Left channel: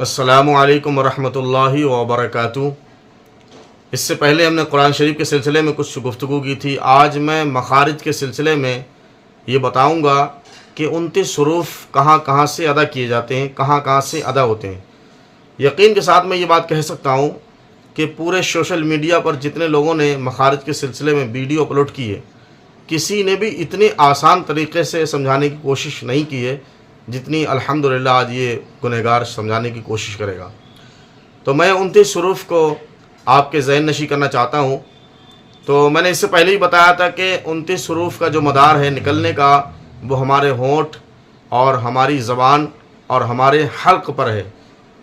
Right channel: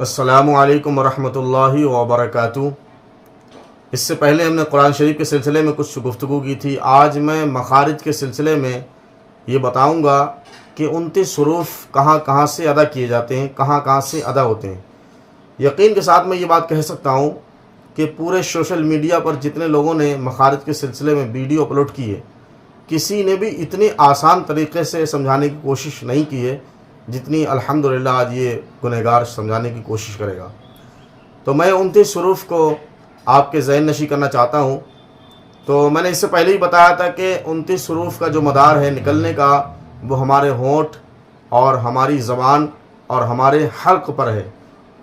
अस्सलामु अलैकुम वरहमतुल्लाहि वबरकातुहू। इससे पहले हमने कुरान शरीफ के सिलसिले में कुछ गुफ्तगू की थी। आज मैं मखारिज के सिलसिले में ये बताऊंगा कि 29 हुरूफ कहाँ कहाँ से अदा किए जाते हैं, कहाँ कहाँ से अदा होते हैं। यकीन के साथ मैं ये बात कह सकता हूँ कि पूरे सोशल मीडिया पर जितने लोगों ने मखारिज के सिलसिले में वीडियो अपलोड की है, किसी ने भी इतने आसान तरीक़े से समझाने की कोशिश नहीं की है जितनी अल्हम्दुलिल्लाह आज ये गुनहगार समझाने की कोशिश करेगा। तो मैं 29 हुरूफ को आपके ज़हन नशी करना चाहता हूँ। तो मैंने इससे पहले ही बताया था कि 29 हुरूफ का जो मदार है निकलने का, वो हमारे होंठ और हमारी ज़बान और हमारे हल्क़ पर है।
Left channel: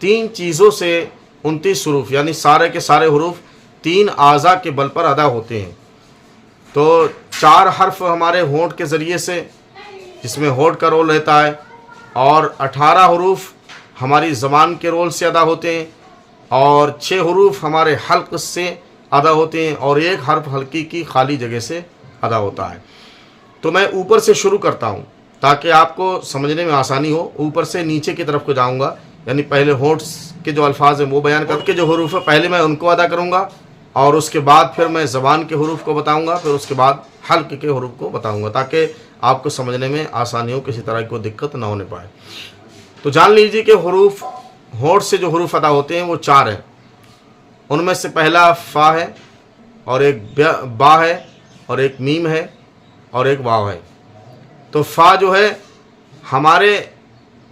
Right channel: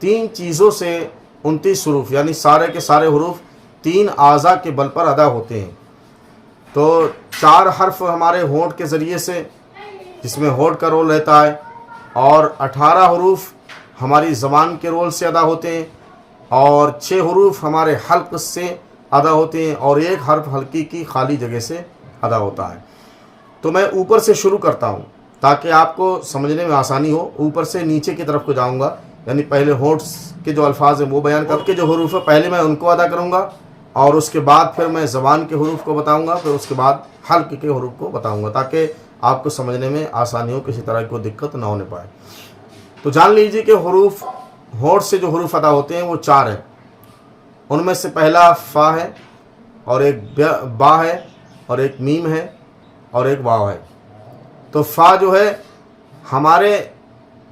तीन चीज़ों से 29 हुरूफ यानी सारे के सारे हुरूफ तीन आज़ा के बल पर अदा होते हैं। तो 4 हर्फ हमारे होंठ के ज़रिए से, जिसमें होंठ का रोल रहता है, और 18 हुरूफ हमारी ज़बान के रोल से अदा होते हैं, और 6 हुरूफ हमारे हल्क़ से अदा होते हैं, और 1 हर्फ हल्की की खाली जगह से अदा होता है। तो मैं ऊपर से शुरू करता हूँ ताकि आपको समझने में आसानी हो। ऊपर से नीचे की तरफ को जाऊँगा, यानी पहले होंठ के जो अल्फाज हैं वो बयान करके जो हुरूफ है पहले मैं उनको अदा करूँगा, और उसके बाद फिर मैं ज़बान के हुरूफ को बताऊँगा, फिर उसके बाद हल्क़ के हुरूफ को बताऊँगा ताकि आपको समझने में आसानी हो, किसी तरह की कोई दिक्कत ना होने पाए। तो जान लीजिए कि हुरूफ, होंठ से जो हुरूफ अदा होते हैं वो 4 हैं। उनमें से पहला फ़ा है, और एक बा है, और एक मीम है, और एक वाव है। तो फ़ा जो है, हमारे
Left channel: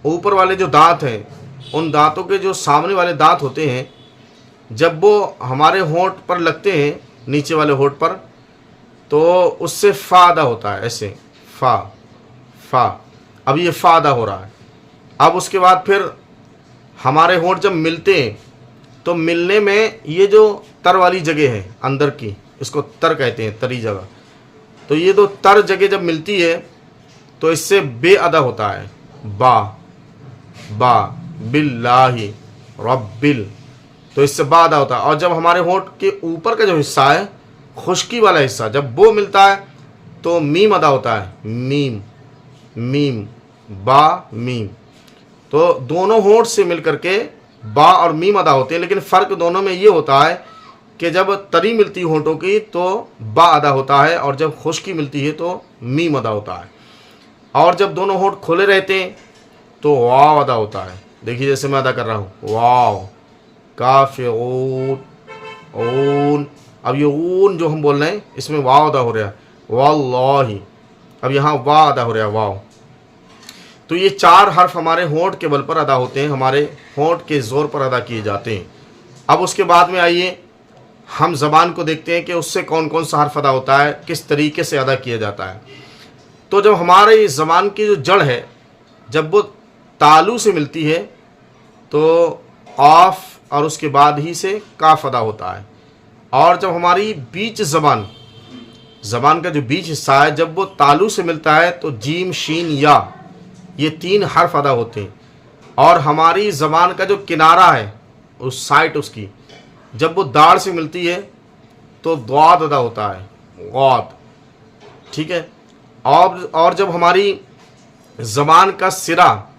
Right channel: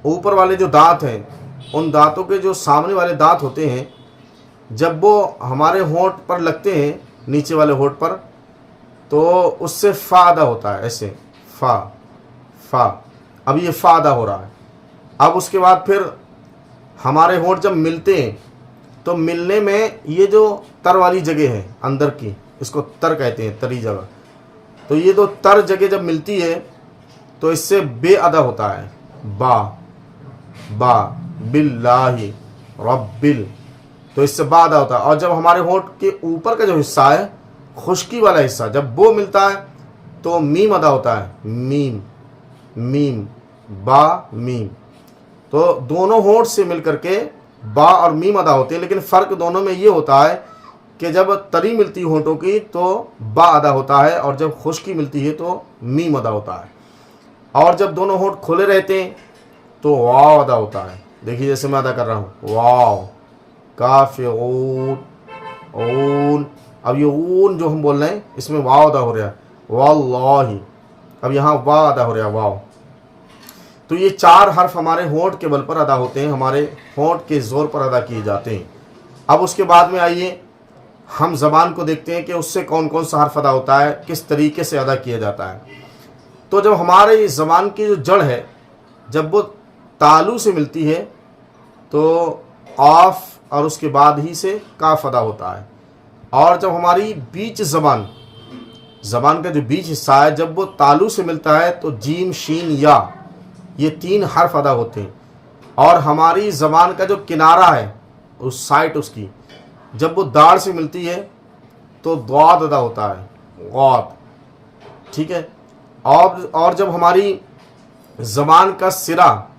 ऊपर वाले जो दांत हैं, उन दांतों के जो सामने वाले दांत होते हैं, जब वो हमारे होंठ पर लगते हैं, नीचे वाले होंठ पर, तो उससे फ़ा अदा होता है। ऐसे फ़ा फ़ा, अब ये फ़ा अदा हो रहा है। अब उसके बाद फिर हमारे होंठ जब मिलते हैं तो मिलने में ये जो तर वाली जगह है अंदर की, इसको तर कहते हैं, तरी जगह। तो ये तो तर जगह जब मिलती है तो इससे बे अदा होता है। बा बा बिल्लाहि रब्बिल, तो इससे बा अदा होता है। और जब हमारे होंठ के ऊपर का जो हिस्सा है, खुश्की वाला हिस्सा, जब वो मिलता है तो मीम अदा होता है। मीम मीम बा मीम। तो दोनों होंठ से मिलकर के बा और मीम अदा होते हैं, लेकिन फ़र्क दोनों में ये होता है कि जब तरी मिलती है होंठों की तो बा अदा होता है, और जब खुश्की मिलती है तो मीम अदा होता है। और जब दोनों होंठ खुले रहते हैं तो वाव अदा होता है। देखिए जैसे मैं अदा कर रहा हूँ, वाव काफ ऊन ऊन। अब ये ऊन जो हम बोल रहे हैं इसमें वाव अदा हो रहा है, वल्लाही। अब यहाँ वाव अदा हो रहा है, वाव। तो ये 4 हर्फ हमारे होंठ के बल पर अदा होते हैं, हमारे होंठ के ज़ोर पर अदा किए जाते हैं। अब उसके बाद में आइए हम ज़बान को देखते हैं कि उससे कौन कौन सा हर्फ अदा होता है, किस तरीके से अदा किया जाता है। तो जब हमारे ज़बान की जो जड़ है, जब वो तालू से मिलती है तो ऑफ, और उसके बाद ही से काफ अदा होता है। और जब हमारी बीच ज़बान का जो बीच हिस्सा है, जब वो तालू से मिलता है तो जीम शीन या, ये 3 हर्फ अदा होते हैं। और हमारी ज़बान का जो किनारा है, उस साइड उसकी, जब वो दाढ़ से मिलती है तो द्वाद अदा होता है, गौद। ठीक है। और जब हमारी ज़बान का सिरा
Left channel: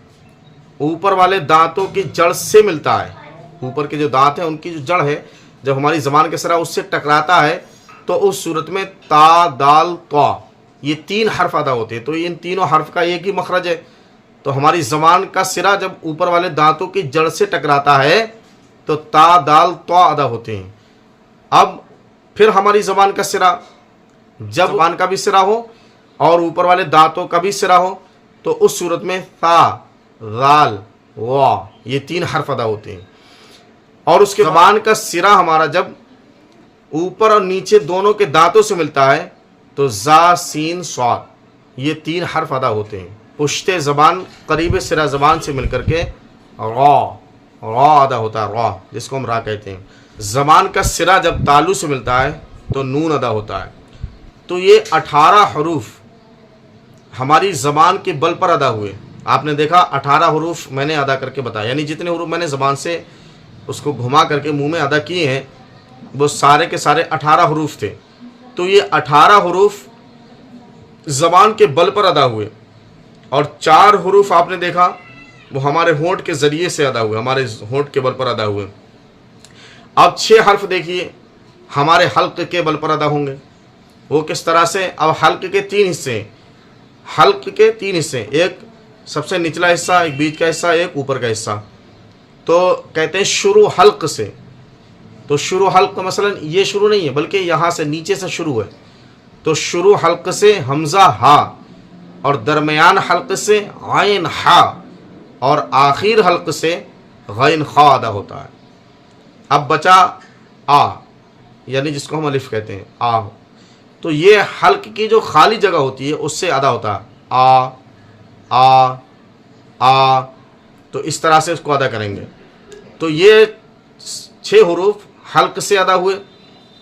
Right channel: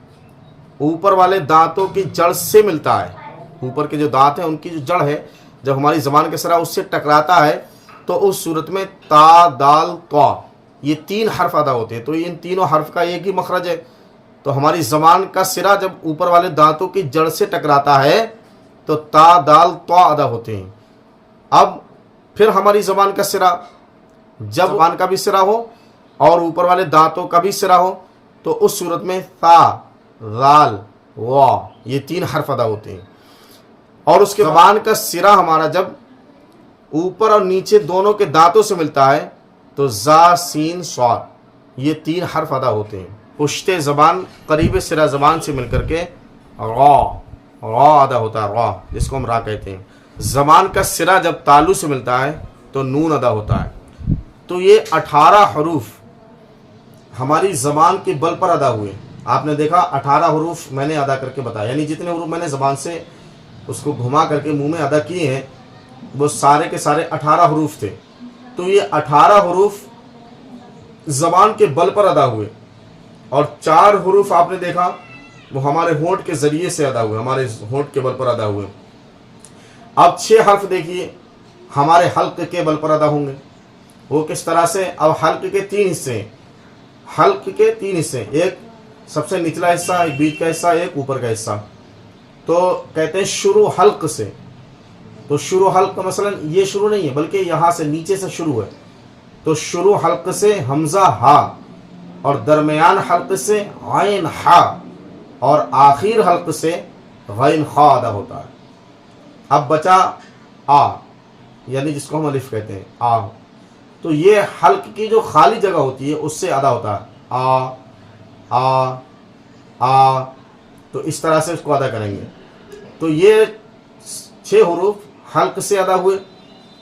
ऊपर वाले दांतों की जड़ से मिलता है, ऊपर के जो दांत हैं उनकी जो जड़ है, जब हमारी ज़बान का सिरा उससे टकराता है तो उस सूरत में ता दाल क़ा, ये 3 हर्फ अदा होते हैं। तो इन तीनों हर्फ का एक ही मखरज है। तो हमारी ज़बान का सिरा जब ऊपर वाले दांतों की जड़ से टकराता है तो ता दाल ता अदा होते हैं। अब फिर हमारी ज़बान का सिरा, जब ज़बान का भी सिरा हो और ऊपर वाले दांतों का भी सिरा हो, तो उस सूरत में ता दाल वा, ये 3 हर्फ अदा होते हैं। और उसके ज़बान का सिरा हमारा जब ऊपर और नीचे दोनों के दांतों से मिलता है तो जा सीन स्वाद, ये 3 हर्फ अदा होते हैं। पुश्ते ज़बान करीब सिरा ज़बान से मिलकर के रा अदा होता है, रा, जिसको हम रा कहते हैं। ज़बान का सिरा जब तालू से मिलता है तो नून अदा होता है। तो ये 18 हुरूफ हमारी ज़बान के बल पर अदा हुए। आपने देखा 18 हुरूफ मैंने अदा करके बताया, यानी जितने हुरूफ मैंने ज़बान से उसको घुमा करके मुंह में अदा किए हैं वो सारे के सारे 18 हुरूफ थे। तो ये 18 हुरूफ ज़बान के बल पर अदा हुए। और 4 हुरूफ आपने देखा वो हमारे होंठ के ज़रिए से अदा हुए, हमारे होंठ के बल पर अदा हुए। अब 6 हर्फ देखिए हमारे हल्क के बल पर अदा होंगे। वो किस तरह से? अब हल्क के 3 हिस्से हैं, हल्क के 3 हिस्से, एक सबसे निचला हिस्सा, एक बीच का हिस्सा, एक ऊपर का हिस्सा। तो कहते हैं शुरू हल्क से। तो शुरू हल्क का मसलन ये शुरू नहीं है, बल्कि यहाँ से नीचे से शुरू है। तो शुरू हल्क से हमज़ा हा, और दरमियान हल्क से आइन हा, और आखिर हल्क से गैन खा अदा होता है। अब बचा आ, यानी जिसको हम अलिफ कहते हैं, आ। तो ये हल्क की जो खाली जगह होती है उससे अदा होता है, आ आ आ। तो इस तरह से उसको अदा करेंगे। तो ये 6 हरूफ हल्क से अदा हुए,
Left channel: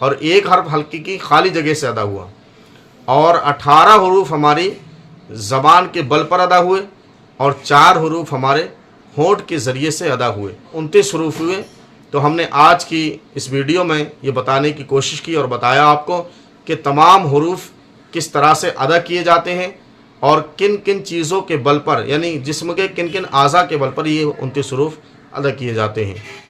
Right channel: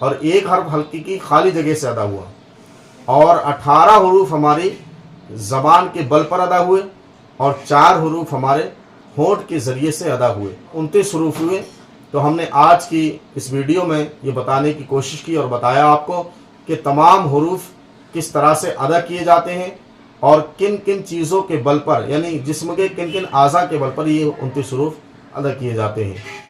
और एक हर्फ हल्की की खाली जगह से अदा हुआ, और 18 हरूफ हमारी ज़बान के बल पर अदा हुए, और 4 हरूफ हमारे होंठ के ज़रिए से अदा हुए। 29 हरूफ हुए। तो हमने आज की इस वीडियो में ये बताने की कोशिश की और बताया आपको कि तमाम हरूफ किस तरह से अदा किए जाते हैं, और किन किन चीज़ों के बल पर, यानी जिस्म के किन किन आज़ा के बल पर ये 29 हरूफ अदा किए जाते हैं।